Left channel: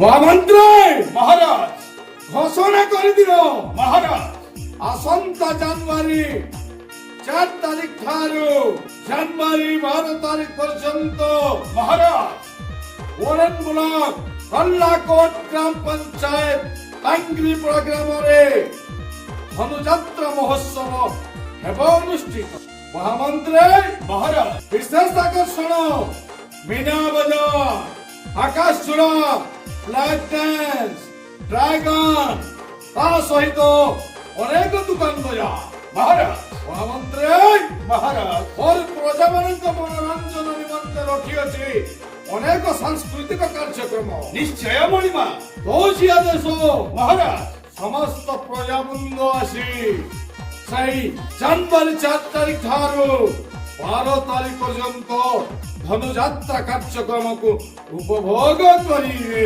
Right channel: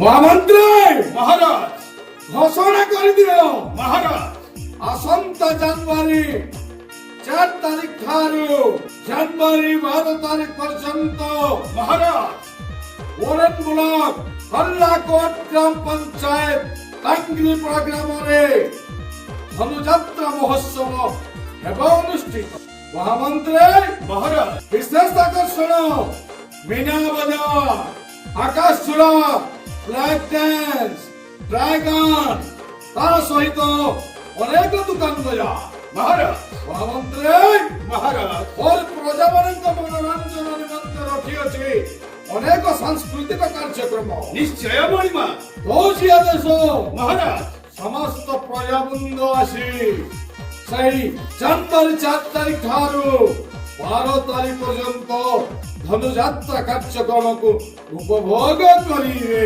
মহামন্ত্রী মহারাজ ঘোষণা করে দিল মহারাজ আসন্তা জানুয়ারি 4 তারিখ ଠାରୁ ଜାନୁଆରୀ 12 ତାରିଖ ପର୍ଯ୍ୟନ୍ତ মহারাজ ଓରେନ୍ ବ୍ଲକ କଲ୍ଲାକୋଟ ଗ୍ରାମ ପଞ୍ଚାୟତ ଟାଙ୍ଗିପଡ଼ା ଗ୍ରାମରେ ଧନୁଯାତ୍ରା ମହୋତ୍ସବ ହେବ ଅନୁଷ୍ଠିତ। ମହାମନ୍ତ୍ରୀ মহারাজ ବିଶେଷ ଆକର୍ଷଣ ମୀନା ବଜାର ଆକାଶ ଚୂଡ଼ା ଫ୍ଲାଗ ଡ୍ୟାନ୍ସ ଡ୍ରାଗନ ତା ସହିତ ଅନେକ ଦୋକାନ ବଜାର। মহারাজ ମହାମନ୍ତ୍ରୀ মহারাজ ମୋର ପ୍ରଜାମାନଙ୍କ ମନୋରଞ୍ଜନ ନିମନ୍ତେ ରଖିଅଛି ଅନେକ ସାଂସ୍କୃତିକ କାର୍ଯ୍ୟକ୍ରମ নিশ্চয় মণিমা ଦଉଛି ଆଦେଶ। মহারাজ ସମସ୍ତ ପ୍ରଜାବୃନ୍ଦ ଆସି ସେଇ ଜାନୁଆରୀ 4 ତାରିଖ ଠାରୁ 12 ତାରିଖ ପର୍ଯ୍ୟନ୍ତ ଧନୁଯାତ୍ରା କାର୍ଯ୍ୟକ୍ରମକୁ ଉପଭୋଗ କରିବେ।